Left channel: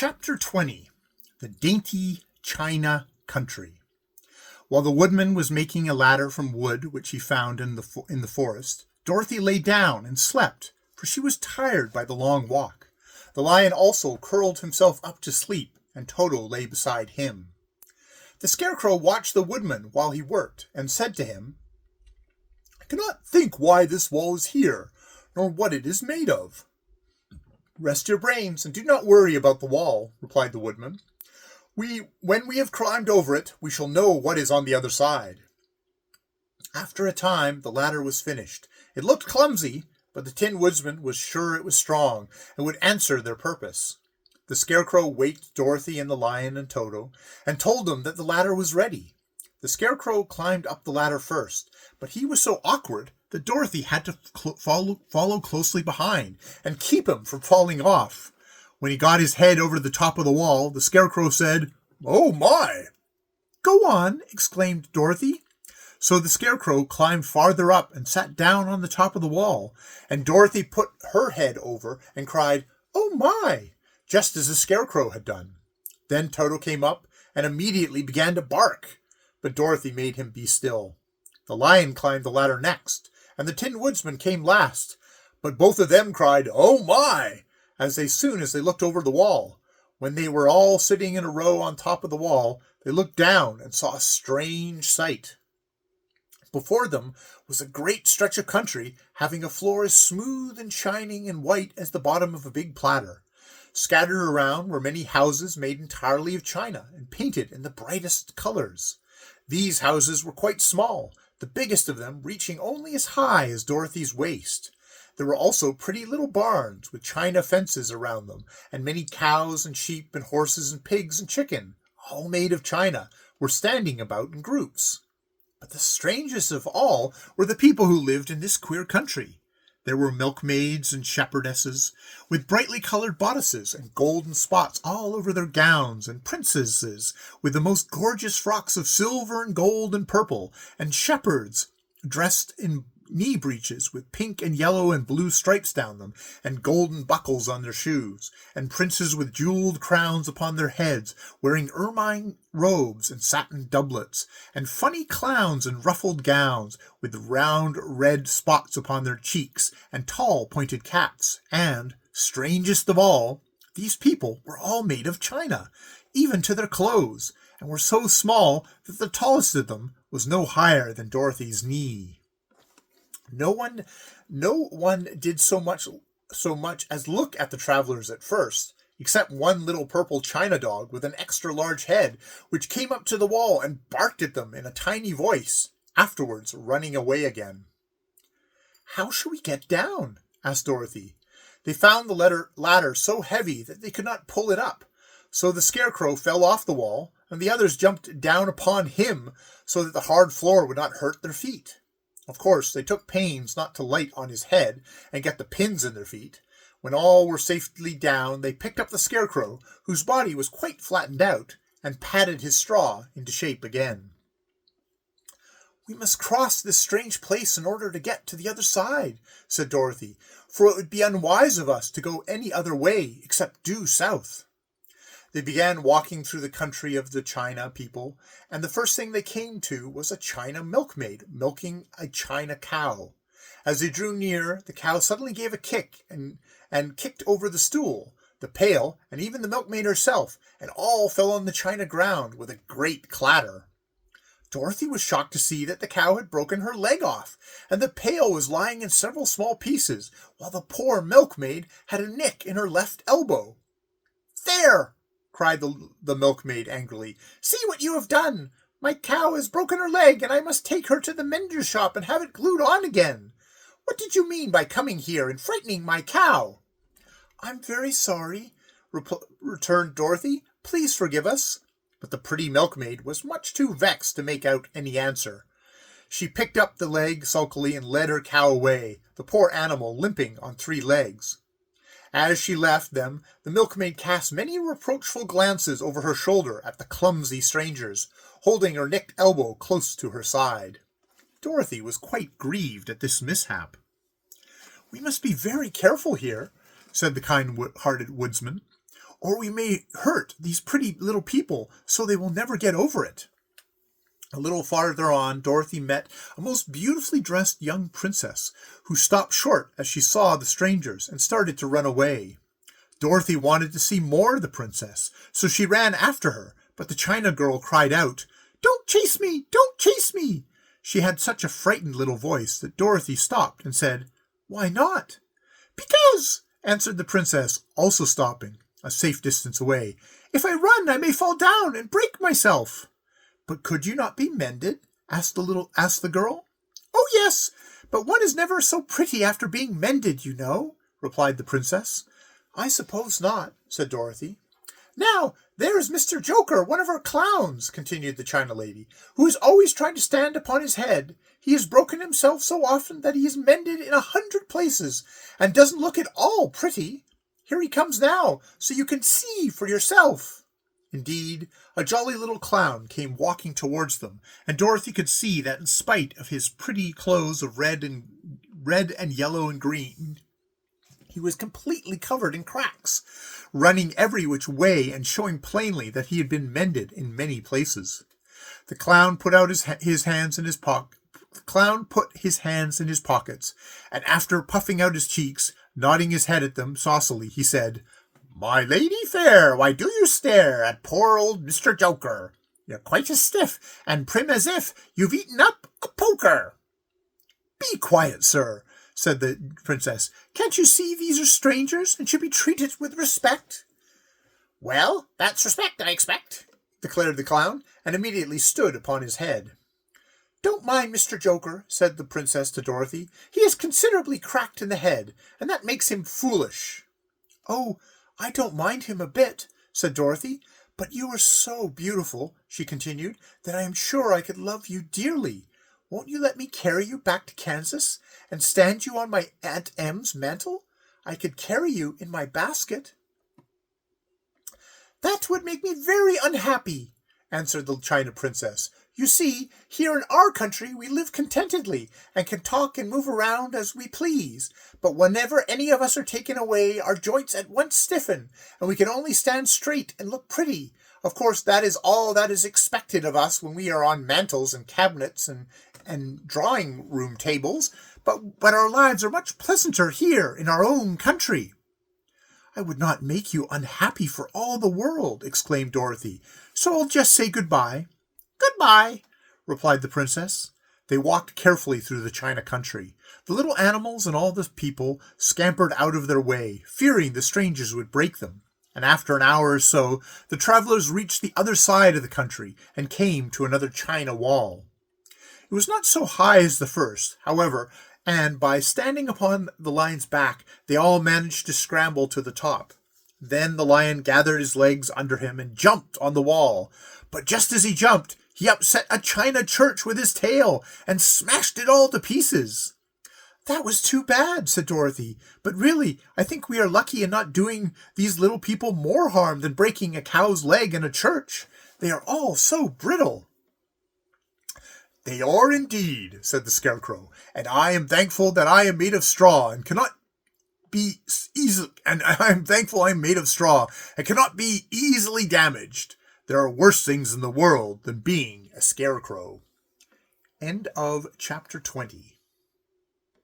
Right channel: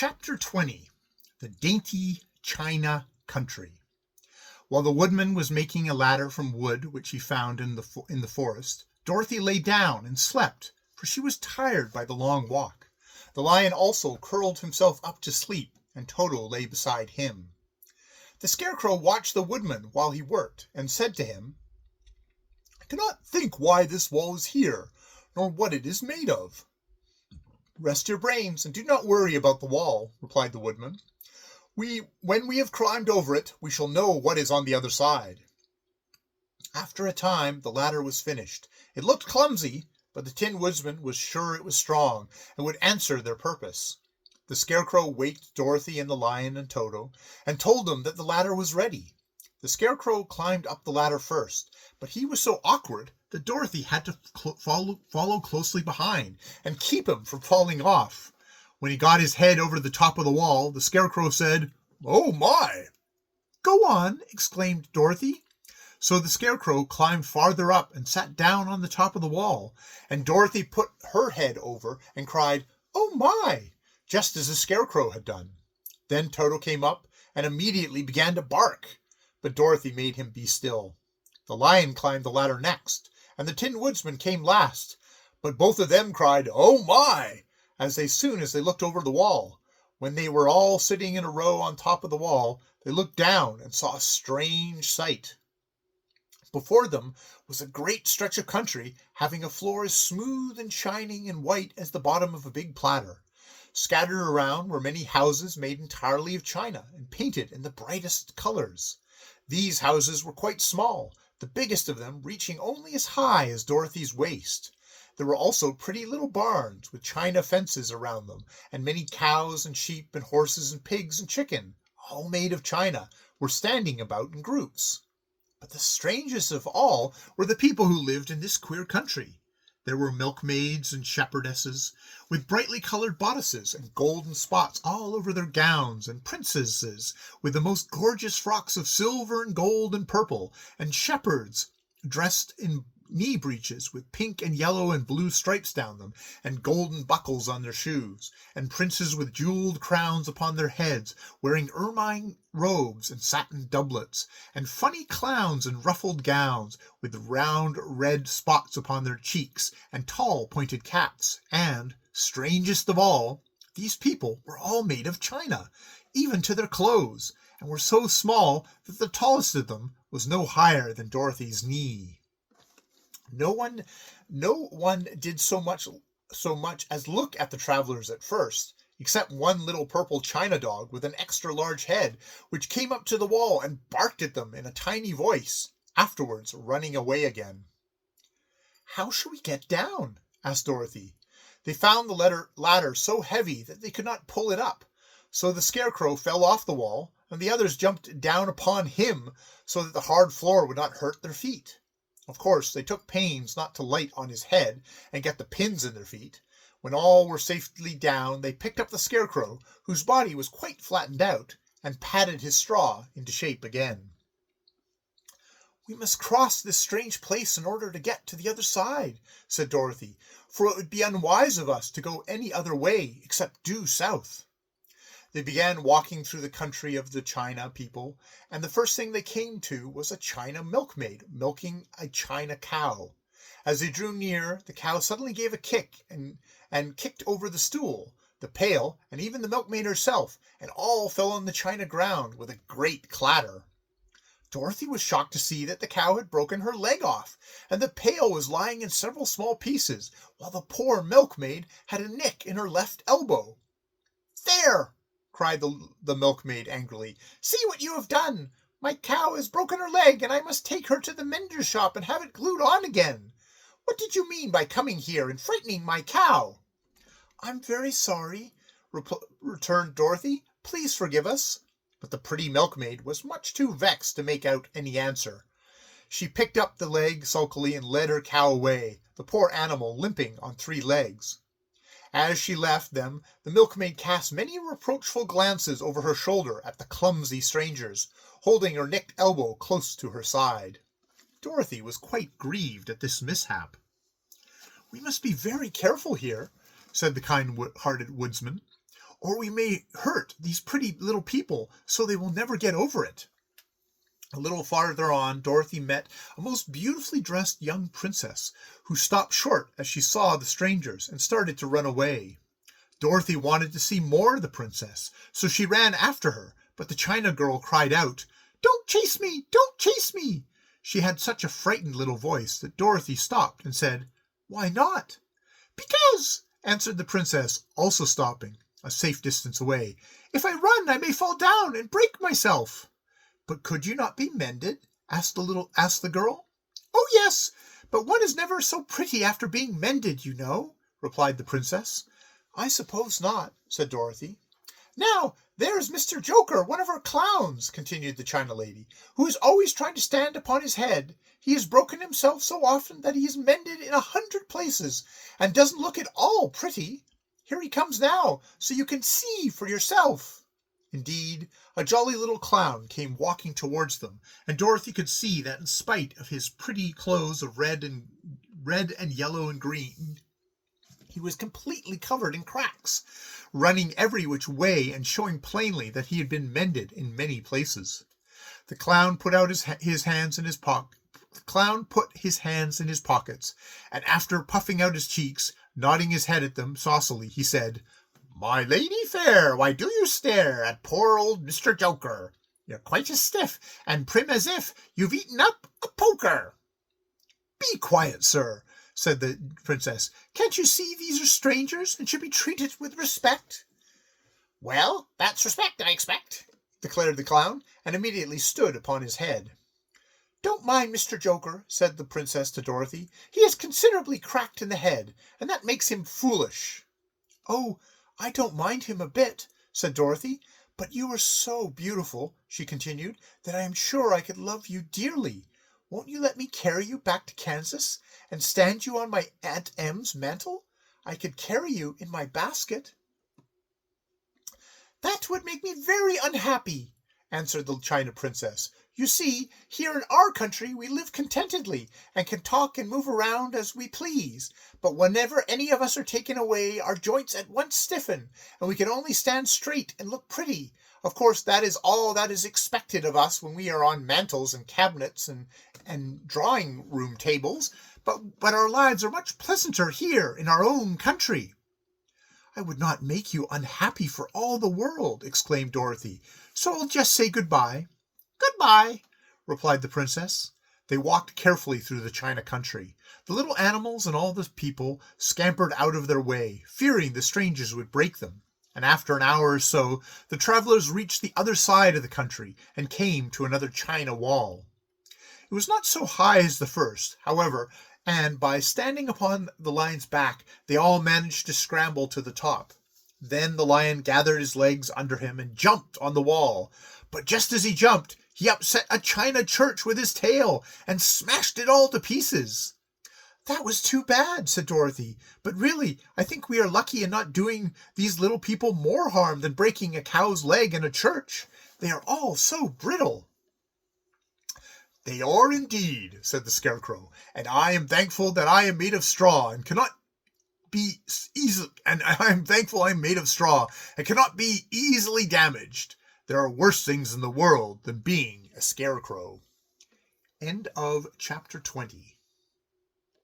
Chapter 20. The Dainty China Country. While the woodman was making a ladder from wood which he found in the forest, Dorothy lay down and slept, for she was tired by the long walk. The lion also curled himself up to sleep, and Toto lay beside him. The Scarecrow watched the woodman while he worked, and said to him, "I cannot think why this wall is here, nor what it is made of." "Rest your brains, and do not worry about the wall," replied the woodman. When we have climbed over it, we shall know what is on the other side." After a time, the ladder was finished. It looked clumsy, but the Tin Woodsman was sure it was strong, and would answer their purpose. The Scarecrow waked Dorothy and the lion and Toto, and told them that the ladder was ready. The Scarecrow climbed up the ladder first, but he was so awkward that Dorothy had to follow closely behind, and keep him from falling off. When he got his head over the top of the wall, the Scarecrow said, "Oh my!" "Go on," exclaimed Dorothy. So the Scarecrow climbed farther up and sat down on the top of the wall, and Dorothy put her head over and cried, "Oh my!" just as the Scarecrow had done. Then Toto came up and immediately began to bark, but Dorothy made him be still. The lion climbed the ladder next, and the Tin Woodsman came last, but both of them cried, "Oh my!" as soon as they looked over the wall. When they were all sitting in a row on top of the wall, they looked down and saw a strange sight. Before them was a great stretch of country, having a floor as smooth and shining and white as the bottom of a big platter. Scattered around were many houses made entirely of china and painted in the brightest colors. These houses were quite small, the biggest of them reaching only as high as Dorothy's waist. There were also pretty little barns with china fences around them, and many cows and sheep and horses and pigs and chicken, all made of china, were standing about in groups. But the strangest of all were the people who lived in this queer country. There were milkmaids and shepherdesses, with brightly colored bodices and golden spots all over their gowns, and princesses with the most gorgeous frocks of silver and gold and purple, and shepherds dressed in knee breeches with pink and yellow and blue stripes down them, and golden buckles on their shoes, and princes with jeweled crowns upon their heads, wearing ermine robes and satin doublets, and funny clowns in ruffled gowns, with round red spots upon their cheeks, and tall pointed caps. And, strangest of all, these people were all made of china, even to their clothes, and were so small that the tallest of them was no higher than Dorothy's knee. No one did so much as look at the travelers at first, except one little purple china dog with an extra large head, which came up to the wall and barked at them in a tiny voice, afterwards running away again. "How shall we get down?" asked Dorothy. They found the ladder so heavy that they could not pull it up, so the Scarecrow fell off the wall, and the others jumped down upon him so that the hard floor would not hurt their feet. Of course, they took pains not to light on his head and get the pins in their feet. When all were safely down, they picked up the Scarecrow, whose body was quite flattened out, and patted his straw into shape again. "We must cross this strange place in order to get to the other side," said Dorothy, "for it would be unwise of us to go any other way except due south." They began walking through the country of the China people, and the first thing they came to was a China milkmaid milking a China cow. As they drew near, the cow suddenly gave a kick and kicked over the stool, the pail, and even the milkmaid herself, and all fell on the china ground with a great clatter. Dorothy was shocked to see that the cow had broken her leg off, and the pail was lying in several small pieces, while the poor milkmaid had a nick in her left elbow. "There!" cried the milkmaid angrily. "See what you have done! My cow has broken her leg, and I must take her to the mender's shop and have it glued on again. What did you mean by coming here and frightening my cow?" "I'm very sorry," returned Dorothy. "Please forgive us." But the pretty milkmaid was much too vexed to make out any answer. She picked up the leg sulkily and led her cow away, the poor animal limping on 3 legs. As she left them, the milkmaid cast many reproachful glances over her shoulder at the clumsy strangers, holding her nicked elbow close to her side. Dorothy was quite grieved at this mishap. "We must be very careful here," said the kind-hearted woodsman, or we may hurt these pretty little people so they will never get over it." A little farther on, Dorothy met a most beautifully dressed young princess who stopped short as she saw the strangers and started to run away. Dorothy wanted to see more of the princess, so she ran after her, but the China girl cried out, "Don't chase me! Don't chase me!" She had such a frightened little voice that Dorothy stopped and said, "Why not?" "Because," answered the princess, also stopping a safe distance away, "if I run, I may fall down and break myself." "But could you not be mended?" asked the girl. "Oh, yes, but one is never so pretty after being mended, you know," replied the princess. "I suppose not," said Dorothy. "Now, there is Mr. Joker, one of our clowns," continued the China lady, "who is always trying to stand upon his head. He has broken himself so often that he is mended in 100 places, and doesn't look at all pretty. Here he comes now, so you can see for yourself." Indeed, a jolly little clown came walking towards them, and Dorothy could see that in spite of his pretty clothes of red and yellow and green, he was completely covered in cracks, running every which way and showing plainly that he had been mended in many places. The clown put out his hands in his pockets, and after puffing out his cheeks, nodding his head at them saucily, he said, "My lady fair, why do you stare at poor old Mr. Joker? You're quite as stiff and prim as if you've eaten up a poker." "Be quiet, sir," said the princess. "Can't you see these are strangers and should be treated with respect?" "Well, that's respect, I expect," declared the clown, and immediately stood upon his head. "Don't mind Mr. Joker," said the princess to Dorothy. "He is considerably cracked in the head, and that makes him foolish." "Oh, I don't mind him a bit," said Dorothy. "But you are so beautiful," she continued, "that I am sure I could love you dearly. Won't you let me carry you back to Kansas and stand you on my Aunt Em's mantle? I could carry you in my basket." "That would make me very unhappy," answered the China princess. "You see, here in our country we live contentedly and can talk and move around as we please. But whenever any of us are taken away, our joints at once stiffen, and we can only stand straight and look pretty. Of course, that is all that is expected of us when we are on mantels and cabinets and drawing-room tables, but our lives are much pleasanter here in our own country." "I would not make you unhappy for all the world," exclaimed Dorothy, "so I'll just say goodbye." "Goodbye," replied the princess. They walked carefully through the China country. The little animals and all the people scampered out of their way, fearing the strangers would break them, and after an hour or so the travelers reached the other side of the country and came to another China wall. It was not so high as the first, however, and by standing upon the lion's back they all managed to scramble to the top. Then the lion gathered his legs under him and jumped on the wall, but just as he jumped, he upset a china church with his tail and smashed it all to pieces. "That was too bad," said Dorothy, "but really, I think we are lucky in not doing these little people more harm than breaking a cow's leg in a church. They are all so brittle." "They are indeed," said the Scarecrow, "and I am thankful that I am made of straw and cannot be easily damaged. There are worse things in the world than being a scarecrow." End of chapter 20.